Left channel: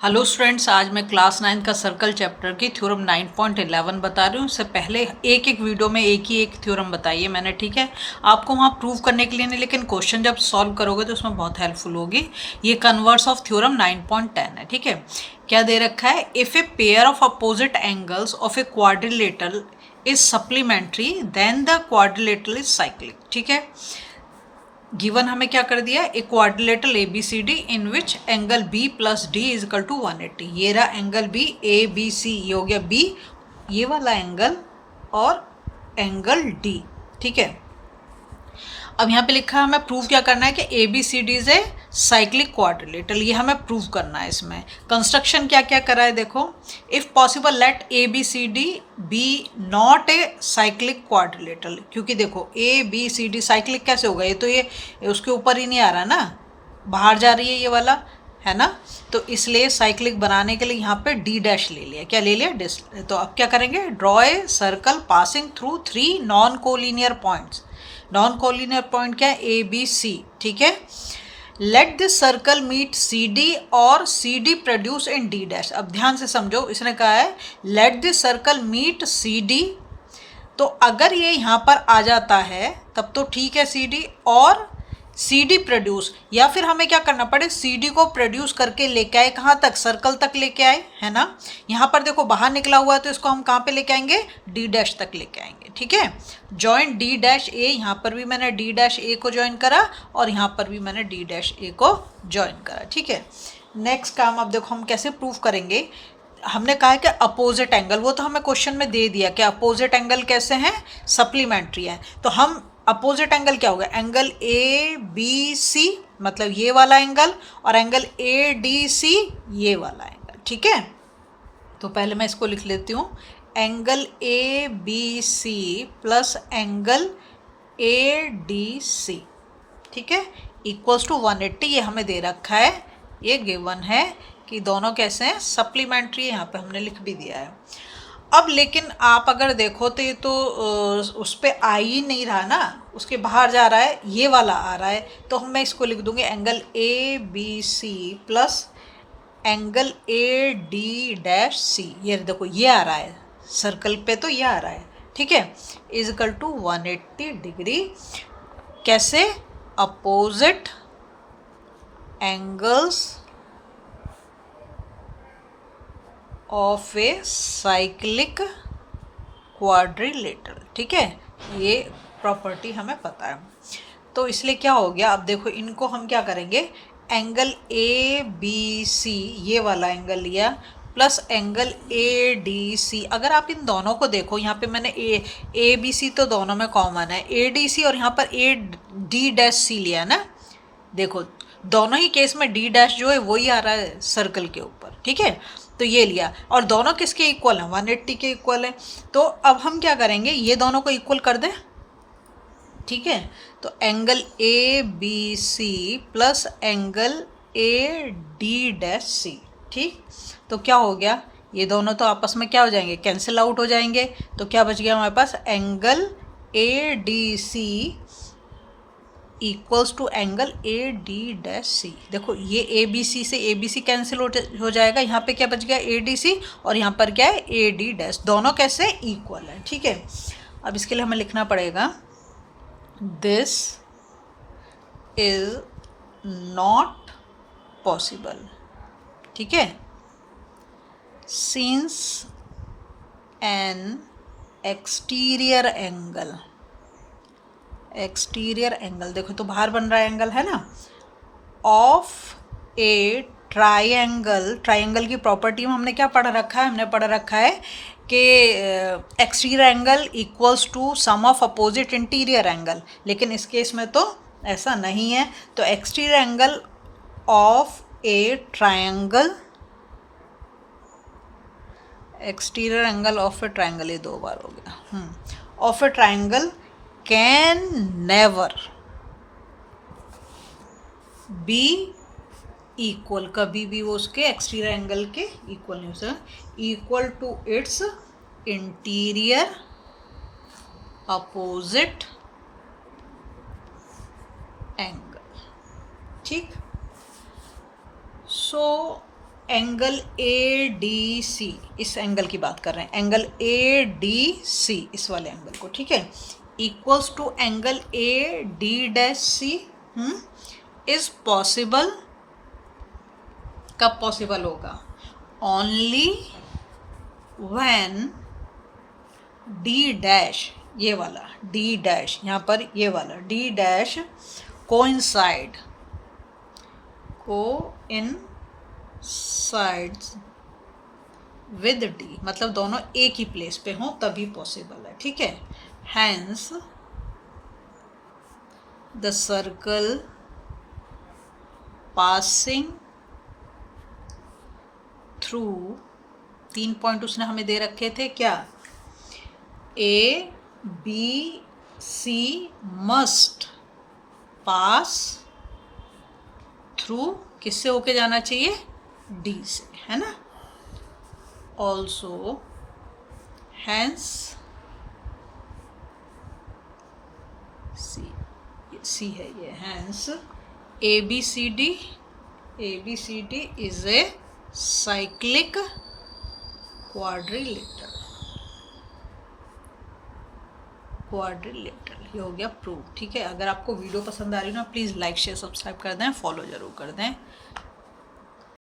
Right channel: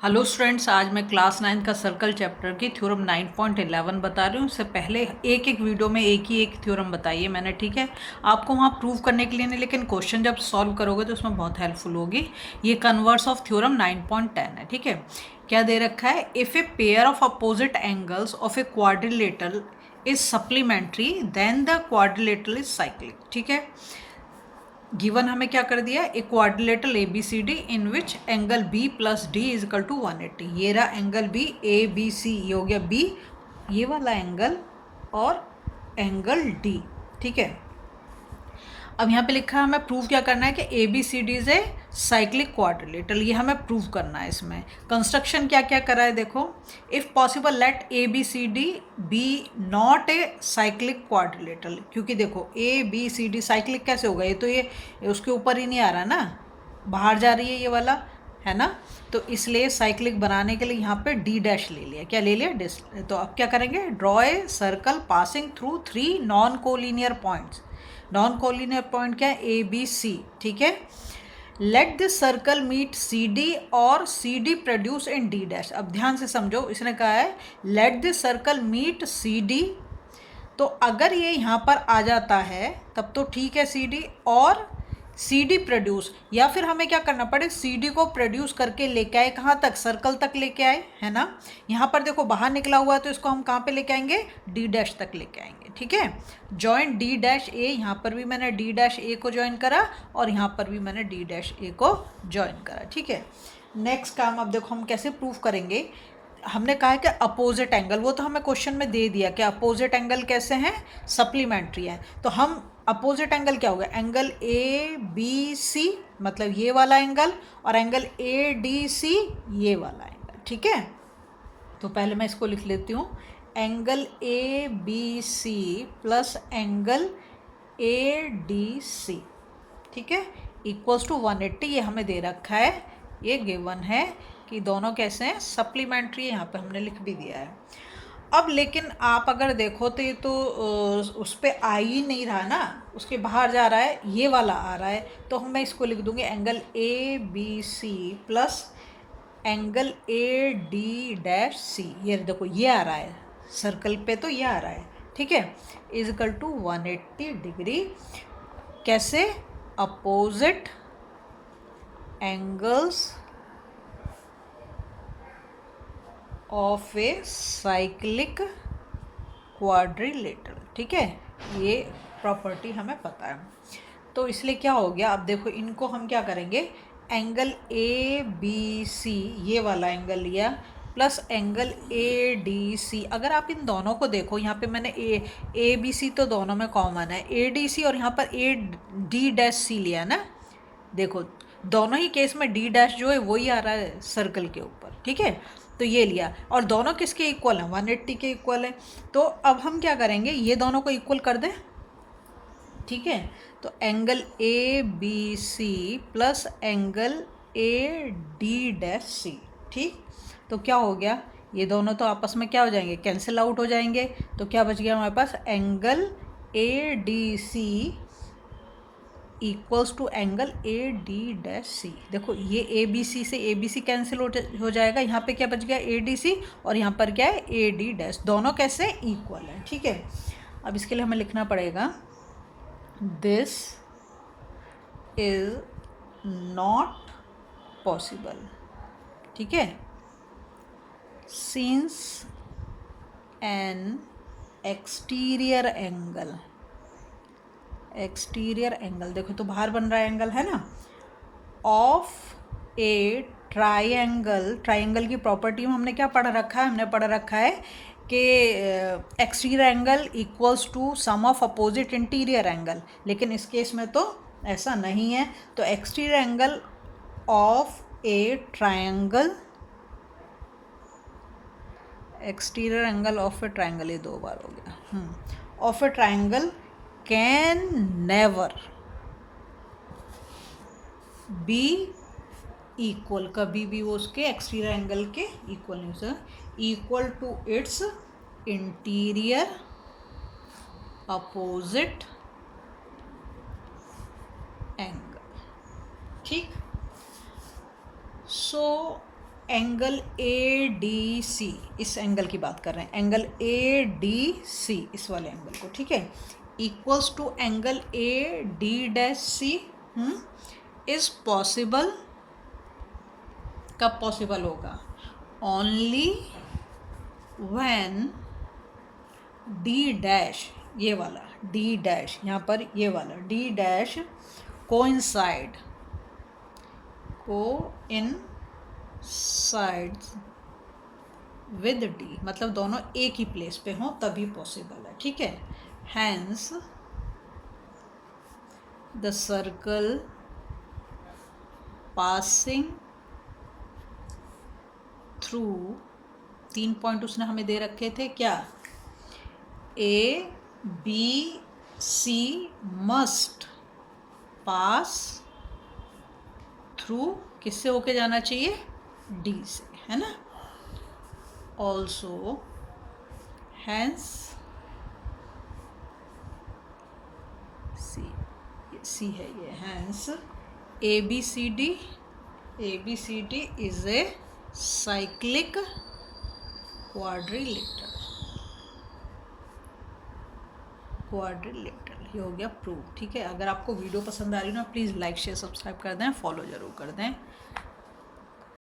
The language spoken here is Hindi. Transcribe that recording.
हेलो स्टूडेंट्स, आज मैं क्लास 9 का सर्कल चैप्टर की थ्योरम 9.11 बता रही हूँ। उससे पहले एक वीडियो में एक थ्योरम बताई है मैंने, ठीक है। आपको वहाँ प्रूव करने के लिए नहीं, लेकिन क्वेश्चन जब सॉल्व करोगे तो उसमें बहुत हेल्पफुल होगी। ये कन्वर्स ऑफ थ्योरम 9.10 है, ठीक है। क्या दे रखा है? If a pair of opposite angles of a quadrilateral is supplementary then the quadrilateral is cyclic, ठीक है। गिवन हमें क्या कर दिया? A quadrilateral A B C D in which angle B plus D is equal to 180। ये रहा angle B, A B C, ये हो गया बी, ये वाला एंगल और एंगल डी, ठीक है। अब यहाँ पे लिखा है हमें प्रूव क्या करना है कि A B C D is a cyclic quadrilateral, ये हमें प्रूव करना है। इसमें कंस्ट्रक्शन क्या क्या करा है देखो। If possible let A B C D be not a cyclic quadrilateral, क्योंकि देखो A B C D cyclic कैसे होगा? ये तो ये उसके ऊपर ही नहीं आ रहा ना, बाहर जा रही है ये वाला, है ना। तो इसलिए साइक्लिक बनाने के लिए यहाँ पे डी डैश ले लिया। क्या ले लिया? डिस। तो अब क्या करेंगे? Draw a circle passing through 3 non collinear points. Non collinear point क्या है? ए बी सी, ठीक है। Let this circle meet C D और C D produce in D dash. अब ध्यान से समझो, इसने कहा है let this circle meet C D, तो अगर ये यहाँ पर आ जाता है तब तो ठीक है सी डी, और सी डी प्रोड्यूस, या फिर हमें क्या करना पड़े? सी डी को प्रोड्यूस करके लेके आए कहाँ तक? सर्कल तक लेके आए, है ना। यहाँ पर देखो बाहर निकला हुआ है तो इसको हम कहाँ पे लेके आएंगे? डी डैश तक लेके आएंगे, ठीक है। जॉइन डी डैश ए, यहाँ पर भी मैंने डी डैश ए को ज्वाइन करा और यहाँ पर भी मैंने डी डैश ए को ज्वाइन करा, ठीक है। नेक्स्ट काम अब देखो हम कैसे प्रूफ करेंगे। हमने कहा है कि अपोजिट एंगल, वो तो हमें क्वेश्चन में दे दिया कि अपोजिट एंगल कैसे हैं? सप्लीमेंट्री है। तो हम अपोजिट एंगल क्या होगा? एंगल ए बी सी, मतलब ये वाला एंगल, और एंगल ए डी सी, ये वाला एंगल, ठीक है। तो पहले मैं इसको लिख लेती हूँ, angle A B C plus angle A D C, ठीक है, इक्वल्स टू 180। ये हमें दे रखा है, ये गिवन है कि दोनों कैसे हैं? सप्लीमेंट्री। यहाँ पे हमने लिख भी दिया है। अब लेकिन आप अगर देखो तो ये तो उस पर आ ही नहीं रहा ना, उसके बाहर जा रहा है, ये वाला आ रहा है। तो मैं इसको लिख दूंगी angle A B C plus angle A D dash C. ये देखो ये आ रहा है सर्कल पे, तो ये आ रहा है, ठीक है, इज इक्वल टू 180 डिग्री। कैसे? Opposite angles of A cyclic quadrilateral, ठीक है। ये प्रॉपर्टी हमें पता है। तो इसलिए क्या हो गया? अब देखो इनको हम क्या करेंगे? एंगल ए बी सी, ये वाला एंगल लिया, plus angle A D C. अगर आप इन दोनों को देखो, यहाँ पे मैंने ए बी सी तो दोनों में कॉमन है, ए डी सी, और यहाँ पर ए डी डैश सी लिया ना। देखो दोनों ही केस में डी डैश जो है वही आ रहा है सर्कल के ऊपर, ठीक है। तो ये लिया, और दोनों किसके इक्वल हैं? 180 के इक्वल हैं। तो अब हम क्या करेंगे? ये दोनों को इक्वल कर दें, ठीक है। तो angle A B C plus angle A D dash C, ठीक। तो क्या हो गया? ये दोनों तो आपस में क्या हो जाएंगे? कैंसिल आउट हो जाएंगे। तो क्या बच गया हमारे पास? Angle A D C equals to angle A D dash C. देखो ये ए बी सी से ए बी सी कैंसिल हो जाएगा, यहाँ पे क्या बच गया? ए डी सी, और यहाँ पर क्या है? ए डी डैश। दोनों कैसे? इक्वल है, ठीक है। अब इसके लिए हमें लिखना पड़ेगा दिस इज नॉट पॉसिबल, ठीक है, सिंस एन एक्सटीरियर एंगल, देखो तो बाहर बन रहा है एंगल, है ना, ऑफ ए ट्राइंगल की प्रॉपर्टी में हमने क्या पढ़ रखा है? हमने पढ़ रखा है कि exterior angle equals to sum of opposite interior angle, लेकिन इस केस में तो ऐसा नहीं है। तो exterior angle of a triangle, exterior angle of a triangle, ये 2 बार हो गया, of a triangle can never be equal, कभी भी वो उसके एक्सटीरियर एंगल के इक्वल नहीं हो सकता, equal to its interior opposite angle, ठीक। सो एंगल ए डी सी, इस एंगल की बात कर रहे हैं, एंगल ए डी सी, इस वाले एंगल को, ठीक है, equals to angle A D dash C is possible, कब पॉसिबल होगा, ओनली व्हेन डी डैश, ये वाला डी डैश, यहाँ पर ये वाला D dash coincide with D, मतलब दोनों एक ही प्लेस पे हों तभी पॉसिबल है, ठीक है। Hence the circle passing through, 3 point उसने हमें दे रखे थे क्या, A B C must pass through, किससे होके जाना चाहिए, डी से, है ना। ऑल्सो हैंस सी है ये, hence A B C D is a cyclic quadrilateral, ये हो गया प्रूव, ठीक है। अगर आपको वीडियो पसंद आ रही है ना, प्लीज़ लाइक शेयर सब्सक्राइब कर दें, फॉलो ज़रूर कर दें।